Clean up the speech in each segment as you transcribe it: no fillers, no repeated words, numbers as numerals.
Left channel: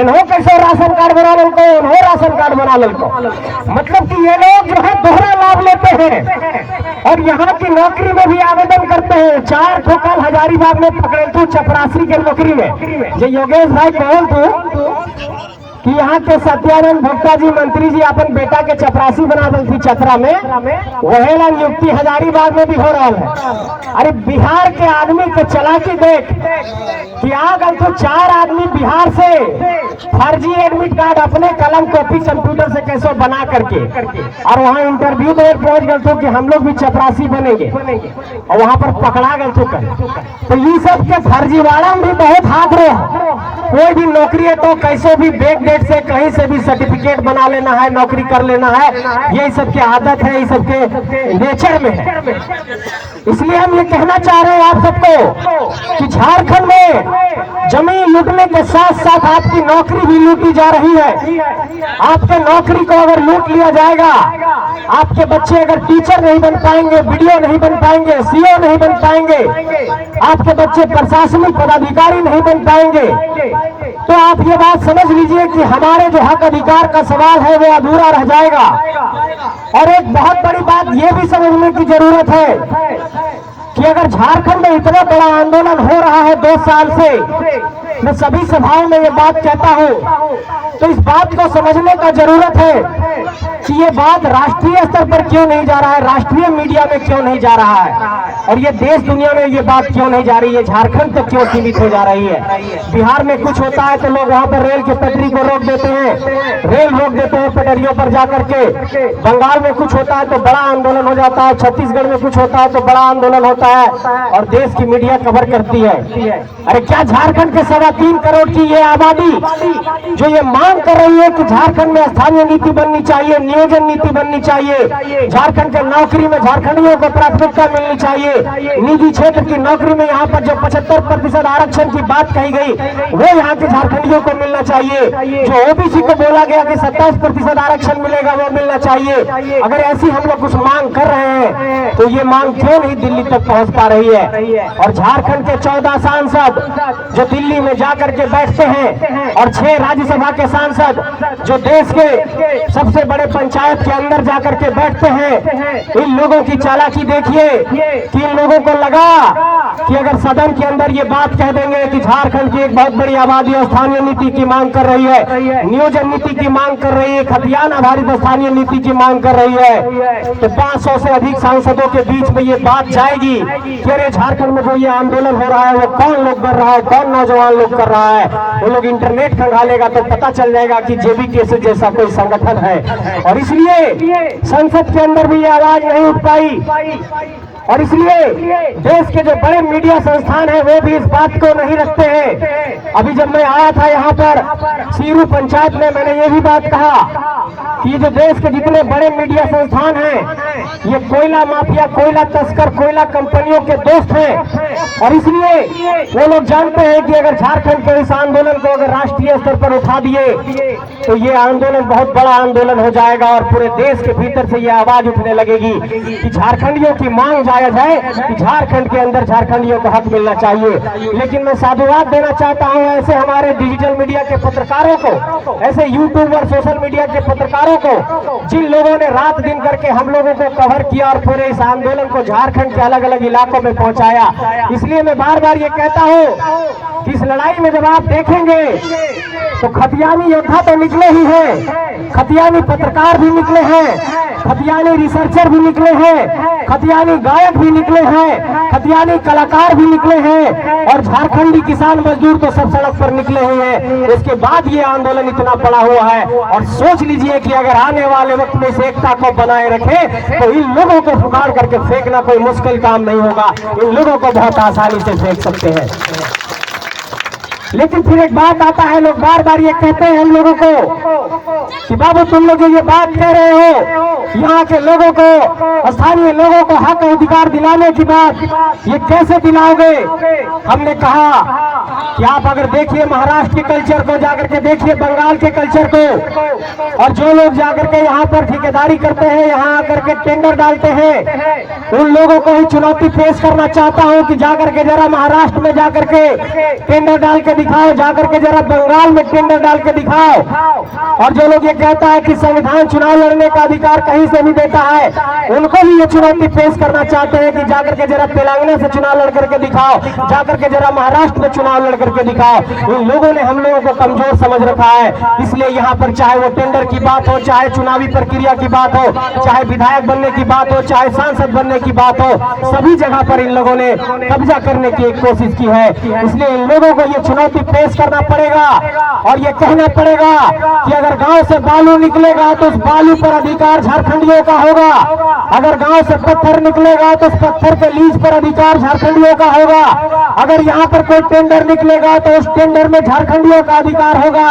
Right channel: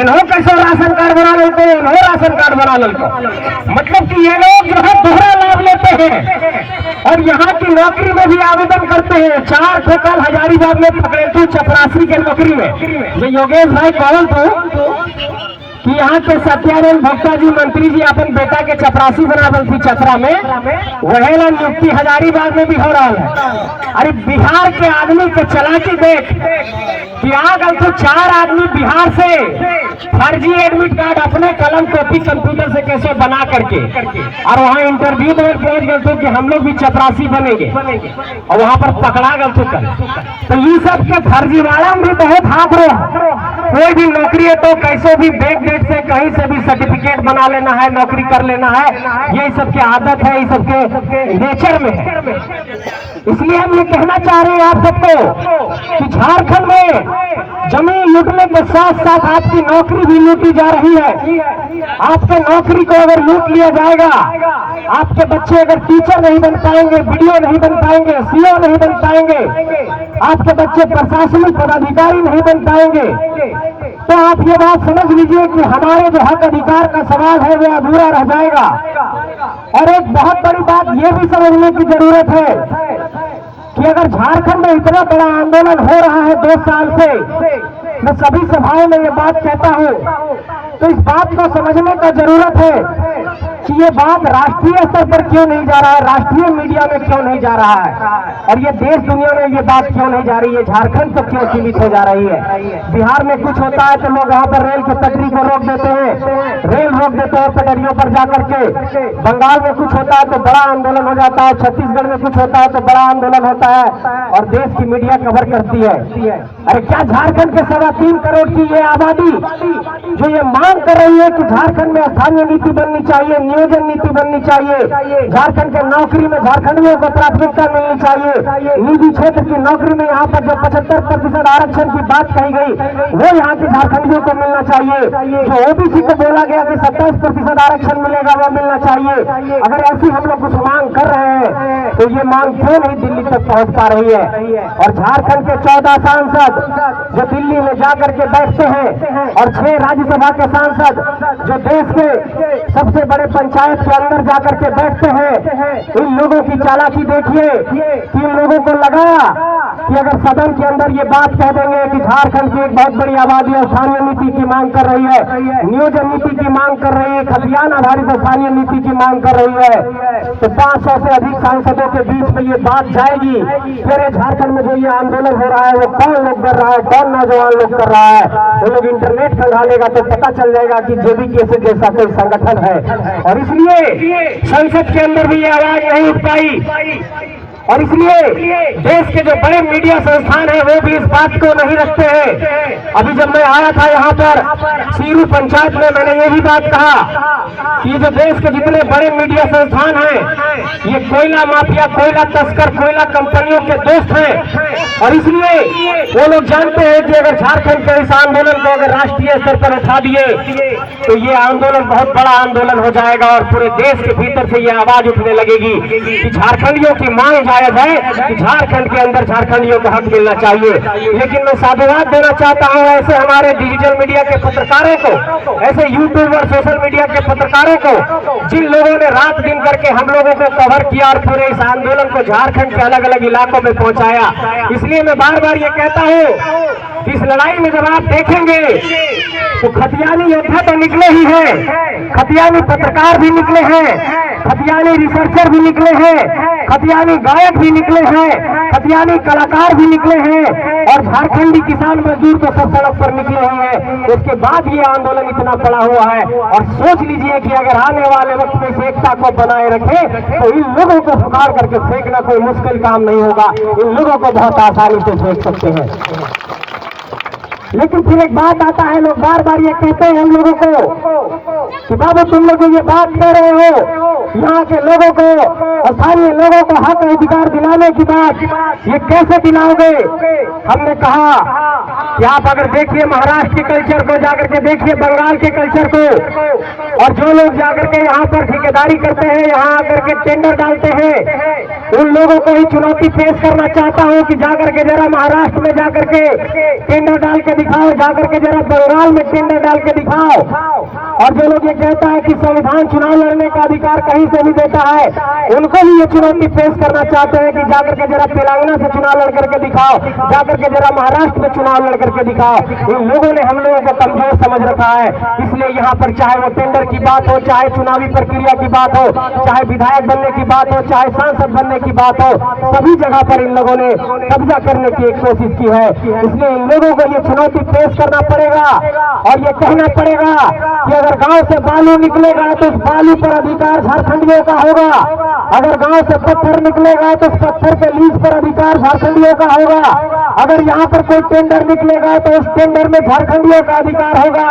इन्हों कैसे ration card बना ललको, इन्हों राशन कार्ड बना ललको। मतलब कि ये लोग जो है दोहरा लाभ लेते हैं और यहाँ की नौकरी में भी आवेदन करते हैं। 4 ठोकाल हजारीबाग में पकड़े तू चपरासी के नौकरी में। ये योगेश भाई कौन तू कि यहाँ के सत्यानंद भोक्ता जी मंत्री जी अपन बेटा के चपरासी बना थी चतरा में, वही ला नियुक्ति हजारीबाग में भी हो रहा है। अरे बिहार के आदमी के चलाकी देख कि आगल तो 4 आदमी बिहार से फर्जी एडमिट कार्ड अपने कलम कॉपी कंप्यूटर से कैसे बना करके और वहाँ इंटरव्यू में पहुंच गए तो कि हम लोग भी चपरासी बनेंगे और वहाँ पर पकड़ा गए तो तो ये सब के फर्जीवाड़ा में भी बहुत हाथ रहो। कोई भी नौकरी है तो कैसे भी बैक डेट से कहीं से भी सर्टिफिकेट बना लेना है, नौकरी कर लेना है, ये सबकी आदत है, ये सबके नेचर में है। इसलिए हम ये कहना चाह रहे हैं आप सबको कि झारखंड में जमीन लूटने के साथ साथ आपकी नौकरी भी लूटी जा रही है। आपके नौकरी को अगर लूट लिया जाएगा, आपके बच्चे अगर टीचर नहीं बन पाएंगे, बीडीओ नहीं बन पाएंगे, सीओ नहीं बन पाएंगे, आपके बच्चे प्रशासनिक पदाधिकारी नहीं बन पाएंगे, तो आप ये बात समझ लीजिए कि हमारे जो हक अधिकार का सवाल है वो अधूरा रह जाएगा। और एक बहुत बड़ी बात ये भी समझने की जरूरत है कि अगर झारखंड में इतना बड़ा आंदोलन हो रहा है 2 साल से, मैं सभी सभाओं में ये बात कहता हूँ, तो इस बात को समझने का जरूरत है कि ये बात राष्ट्रीय स्तर पर क्यों नहीं जा रहा है, राष्ट्रीय मीडिया में क्यों नहीं जा रहा है, और ये देश दुनिया में ये बात क्यों नहीं जा रही है, झारखंड तक क्यों सीमित हो जा रही है। बिहार में कुछ होता है तो लोग वहाँ पर रेल की पटरी को रोक देते हैं, रेल रोक देते हैं पटरियों पर जाकर के। बंगाल में कुछ होता है तो बड़ा आंदोलन हो जाता है, छत्तीसगढ़ में कुछ होता है तो बड़ा आंदोलन होता है और देश की मीडिया कवर करती है। अरे क्या झारखंड के 3.25 करोड़ की ये आबादी जो ये मांग कर रही है कि झारखंड में स्थानीय नीति बननी चाहिए, नियोजन नीति बननी चाहिए, झारखंड के नौकरी में झारखंडियों को प्राथमिकता मिलनी चाहिए, निजी क्षेत्र की नौकरी में यहाँ पर जो 75% आरक्षण की बात कही गई वो यहाँ के झारखंडियों को मिलना चाहिए, जो ओबीसी को बोला गया कि 27% आरक्षण मिलेगा वो मिलना चाहिए। अगर ऐसी हम लोग कुछ मांग कर रहे हैं तो ये मांग क्यों नहीं दिल्ली तक पहुंच पा रही है। और झारखंड के 14 सांसद जो दिल्ली में जाकर के बैठते हैं और 6 राज्यसभा के सांसद जो देश के सबसे बड़े पंचायत के अंदर जाकर के बैठते हैं, इन लोगों की चालाकी देखिए कि इन लोगों को लगा कि अगर सदन के अंदर ये बात कह देंगे कि झारखंड की एक बहुत बड़ी आबादी स्थानीय नीति की मांग कर रही है, नियोजन नीति की मांग कर रही है, खतियान आधारित स्थानीय नीति की मांग कर रही है, तो 500 से अधिक सांसदों के बीच में ये बात जाएगी कि अरे झारखंड में जो ये आंदोलन हो रहा है वो कौन लोग कर रहा है, कौन नौजवान लोग कर रहा है। वो लोग इंटरनेट खंगालेगा तो पता चल जाएगा कि जेबीके से जैसा कोई संगठन है। और इसलिए संसद के अंदर भी ये आवाज नहीं उठ पाई और इसलिए देश के जो बड़े मीडिया संस्थान हैं वो भी इस बात को नहीं रखते हैं। अभी जब मैं आया था यहाँ पर सीरू पंचायत में, मैंने ये भी बात कहा कि जो देश के जितने बड़े मीडिया संस्थान हैं ये कोयला माफिया, कोयला तस्कर, कोयला कंपनियों के दोस्त हैं और इसलिए वो लोग जानते हैं कि अगर झारखंड के इस आंदोलन को अगर राष्ट्रीय स्तर पर उठा दिए तो ये आंदोलन बहुत बड़ा आंदोलन हो जाएगा और पूरे देश के भीतर से ये आवाज उठने लगेगी कि झारखंडियों की मांग जायज है कि झारखंड के अंदर झारखंडियों को हक मिलना चाहिए। लेकिन मैं साधुवाद देना चाहता हूं ऐसे हमारे डिजिटल मीडिया के पत्रकारों को, ऐसे यूट्यूब और सोशल मीडिया के पत्रकारों को, जिन लोगों ने रात दिन करके हम लोगों को कवर किया और पूरे इस आंदोलन को झारखंड के अलग अलग इलाकों में पहुंचाया। इसलिए मैं बार बार ये कहता हूं कि इस लड़ाई में जब आप देखेंगे तो खतियानी योद्धा तो निकले ही हैं, खतियानी पत्रकार भी निकले हैं, खतियानी रिसर्चर भी निकले हैं, खतियानी गायक भी निकले हैं, खतियानी कलाकार भी निकले हैं और झारखंडी किसान मजदूर तो सब सड़क पर निकले हुए हैं। उसके बाद ये आंदोलन इतना बड़ा हुआ है और सोच लीजिए कि अगर आने वाले वक्त में इस एकता को बनाए रखे तो इन लोगों को पुकार करके फेंकना कोई मुश्किल काम नहीं होगा, इन लोगों को बहुत आसानी से फेंक सकते हैं। लेकिन फिर एक बात आता है, लोग बार बार ये कहते हैं हम लोगों को कि बाबू तुम लोग जो ये बात कह रहे हो यहाँ के लोगों को, स्थानीय लोगों को हक अधिकार दिलाने की बात ये कैसे दिलाओगे। हमने कहा कि आप अगर देखिए महाराष्ट्र के कल्चर को, जाकर के देखिए बंगाल के कल्चर को, और जो लोग जाकर के यहाँ पर ठेकेदारी करते हैं, यहाँ आकर के टेंडर डालते हैं, उन लोगों को ही चुनौती पेश करना चाहता हूँ कि जाकर के जरा महाराष्ट्र में जाकर के टेंडर डाल के दिखाओ, जाकर के जरा बंगाल में टेंडर डाल के दिखाओ। और जो लोग ये कहता है कि संविधान चुनाव लड़ने का अधिकार कहीं से नहीं देता है, उनको भी ये चुनौती पेश करना चाहते हैं कि जाकर के जरा तेलंगाना से चुनाव लड़ करके दिखाओ, जाकर के जरा महाराष्ट्र में चुनाव लड़ करके दिखाओ। इन लोगों ने हम लोगों को कमजोर समझ रखा है, इसलिए यहाँ पर चाहे वो टेंडर की बात हो, चाहे चुनावी प्रक्रिया की बात हो, चाहे विधायक बनने की बात हो, चाहे सांसद बनने की बात हो, सभी जगह पर इन लोगों ने कब्जा करने की एक कोशिश की है। इसलिए इन लोगों को ये चुनौती पेश करना पड़ेगा और ये कहना पड़ेगा कि अगर गांव से बालू निकलेगा तो उस बालू पर अधिकार झारखंडियों का होगा, अगर गांव से पत्थर निकलेगा तो उस पत्थर के लीज पर अधिकार झारखंडियों का होगा, अगर यहाँ पर कोई टेंडर निकलेगा तो उस टेंडर में झारखंडियों का अधिकार होगा।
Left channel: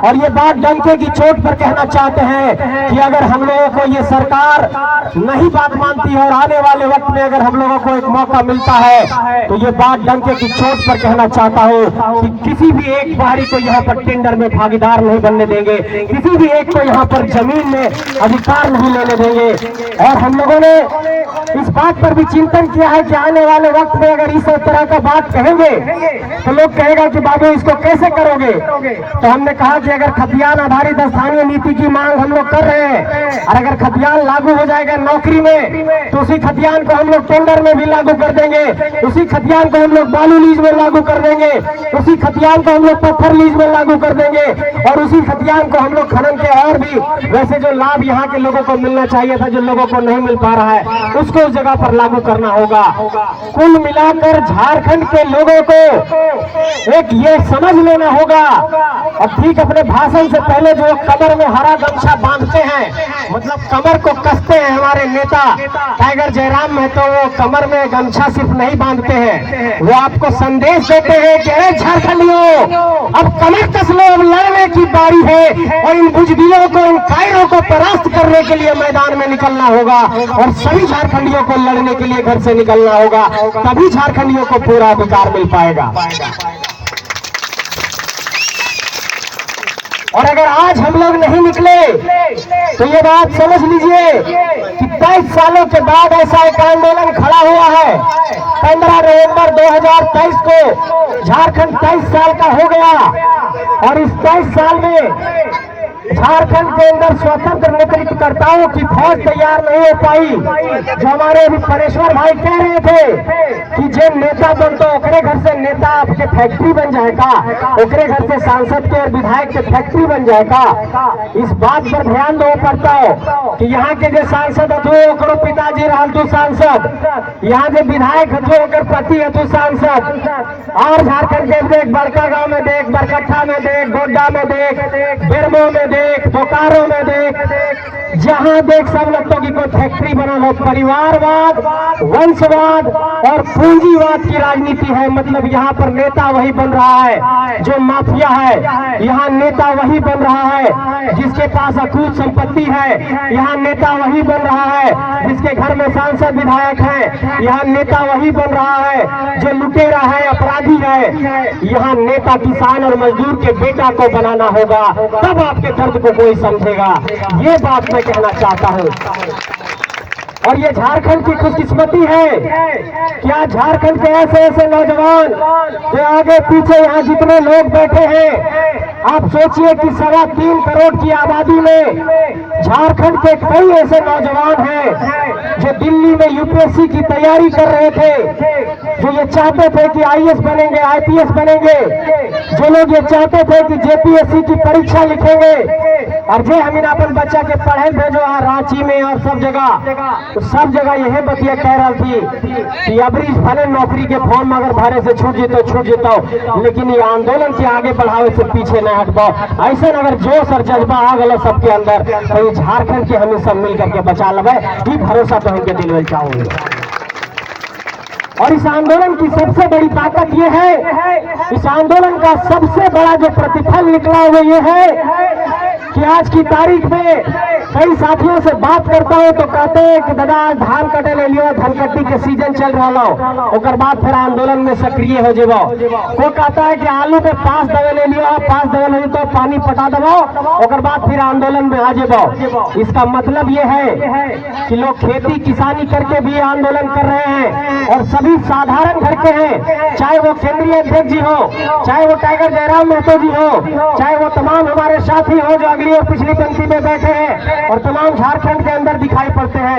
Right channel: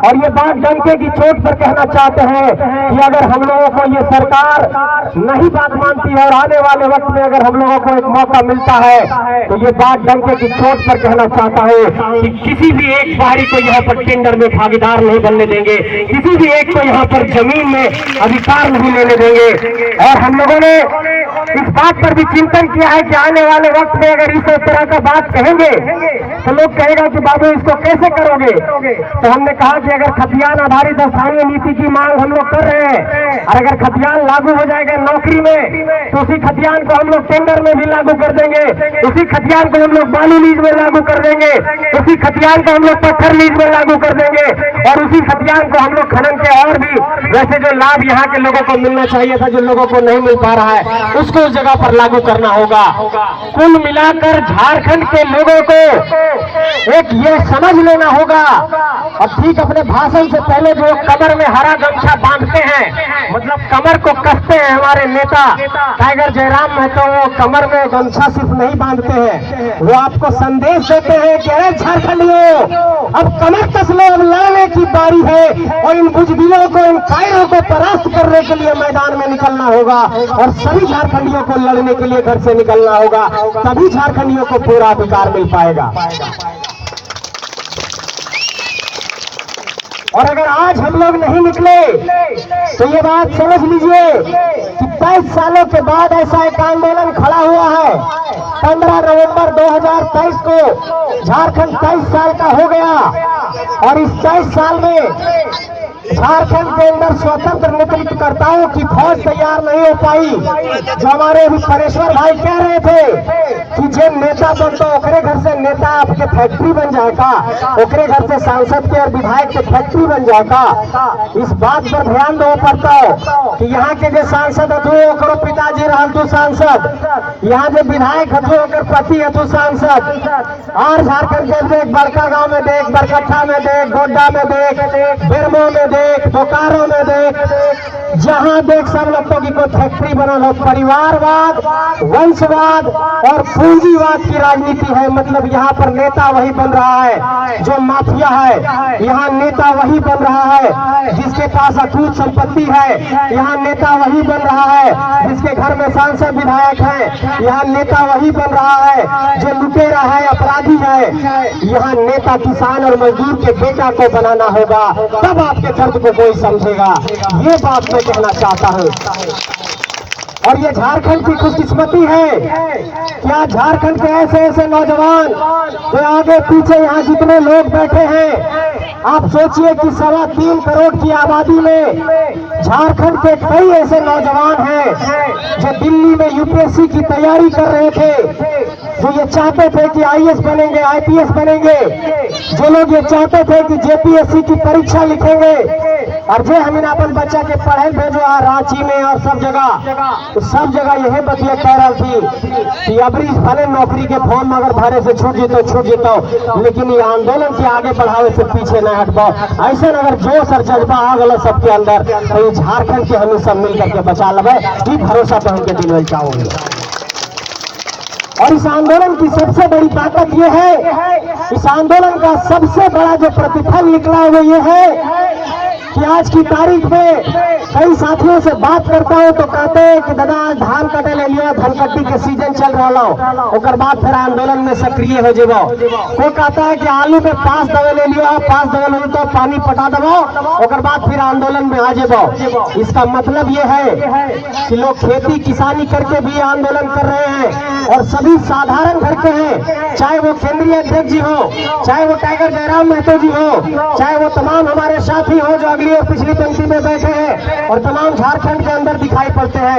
और ये बात डंके की चोट पर कहना चाहते हैं कि अगर हम लोगों को ये सरकार नहीं बात मानती है और आने वाले वक्त में अगर हम लोगों को एक मौका मिलता है तो ये बात डंके की चोट पर कहना चाहता हूँ कि किसी भी एक बाहरी को यहाँ पर टेंडर में भागीदार नहीं बनने देंगे, किसी भी एक को यहाँ पर जमीन में अधिकार नहीं लेने देंगे। और हम लोगों ने इस बात पर भी चिंतन किया है कि आने वाले वक्त में अगर इस तरह का बात कहेंगे तो लोग कहेगा कि बाबू इसको कैसे करोगे। तो हमने कहा कि अगर खतियान आधारित स्थानीय नीति की मांग हम लोग कर रहे हैं और अगर खतियान लागू हो जाएगा नौकरी में तो उसी खतियान को हम लोग टेंडर में भी लागू कर देंगे, उसी खतियान को हम लोग बालू लीज में लागू कर देंगे, उसी खतियान को हम लोग पत्थर लीज में लागू कर देंगे और उसी खतियान को हम लोग खनन के और भी वैसे जो लाभ यहाँ के लोगों को मिलना चाहिए था, जो लोगों को नहीं मिल पा रहा है, उसको उस जगह पर लागू करना होगा। कुल मिलाकर झारखंड के लोगों को एक ये समझ लेना होगा। और ठीक अपने भाषण से पहले जो कमर में हरा गमछा बांधते हैं, मतलब कमर को कसते हैं हमारे नेता टाइगर जयराम महतो, वो कमर में गमछा सिर्फ नहीं बांधते हैं, वो आपको संदेश देते हैं कि झारखंडियों अब कमर कस लो, अब लड़ने की बारी है और इन बुजदिलों को, इन कायरों को परास्त करने के लिए मैदान में निकलना होगा और सभी झारखंडियों को लड़ने के लिए घर से निकलना होगा, तभी झारखंडियों को पूरा अधिकार मिल पाएगा। और अगर आज हम लोग नहीं निकले तो ये बात समझ लीजिए कि 23 सालों के बाद ऐसा एक आंदोलन खड़ा हुआ है। 15 नवंबर 2023 को झारखंड 23 साल का हो गया और इस 23 साल में झारखंड के अंदर स्वतंत्र नेतृत्वकर्ताओं की फौज तैयार नहीं हो पाई। जो हमारे अभी परेश्वर भाई कह रहे थे कि जो नेता बनता ओकरे घर से नेता आपके फैक्ट्री बन जाएगा, ओकरे घर से सांसद के और विधायक के फैक्ट्री बन जाएगा। इस बात पर ध्यान दो पड़ता हो कि यहाँ के जो सांसद हथु ओकरो पिताजी रहतु सांसद, यहाँ के विधायक हथु ओकर पति हथु सांसद। और झारखंड के देख, बड़का गांव में देख, बरकट्ठा में देख, गोड्डा में देख, बेरमो में देख, बोकारो में देख, जहां देख सब लोगों की कोई फैक्ट्री बना हो। परिवारवाद, वंशवाद और पूंजीवाद की राजनीति है। मतलब यहाँ पर नेता वही बन रहा है जो माफिया है, यहाँ नेता वही बन रहा है जिसके पास अकूत संपत्ति है, यहाँ नेता वही बन रहा है जिसके घर में सांसद विधायक है, यहाँ नेता वही बन रहा है जो लुटेरा है, अपराधी है। यहाँ नेता किसान और मजदूर के बेटा को बनाना होगा, तब आपके दर्द को कोई समझेगा। ये बात मैं कहना चाहता हूँ। और ये झारखंड की खुशकिस्मती है कि आज झारखंड के ऐसे ऐसे नौजवान जो आगे पीछे यहाँ जितने लोग बैठे हैं, आप सोचिए कि 3.25 करोड़ की आबादी में झारखंड के कई ऐसे नौजवान हैं जो दिल्ली में यूपीएससी की तैयारी कर रहे थे, जो ये चाहते थे कि आईएएस बनेंगे, आईपीएस बनेंगे, जो लोग ये चाहते थे कि जेपीएससी की परीक्षा लिखेंगे। और जे हम अपन बच्चा के पढ़े भेजो रांची में और सब जगह यही बतिया कह रहा थी कि अबरी भले नौकरी के फॉर्म अगर भरे से छूट जेतो, लेकिन ये आंदोलन के आगे बढ़ावे से पीछे न हटबो। ऐसा अगर जोश और जज्बा आ गया सबके अंदर तो ये झारखंड के हमें सब मिल करके बचा लगे, ये भरोसा तो हमके दिल में चाहूंगे। और इस आंदोलन की सबसे बड़ी ताकत ये है, इस आंदोलन का सबसे बड़ा जो प्रतिफल निकला वो ये है कि आज की तारीख में कई साथियों से बात करता हूँ तो कहते हैं कि दादा धान कटे ले लियो, धान कट्टी के सीजन चल रहा हो, ओकर बाद फिर आंदोलन में सक्रिय हो जेबो। कोई कहता है कि आलू के 5 दवे ले लियो, 5 दवे ले तो पानी पटा दबो, ओकर बाद फिर आंदोलन में आ जेबो। इसका मतलब ये है कि लोग खेती किसानी करके भी आंदोलन कर रहे हैं और सभी साधारण घर के हैं, चाहे वो केंद्रीय अध्यक्ष जी हो, चाहे वो टाइगर जयराम महतो जी हो, चाहे वो तमाम हमारे साथी हो जो अगली और पिछली पंक्ति में बैठे हैं और तमाम झारखंड के अंदर दिखाई पड़ते हैं।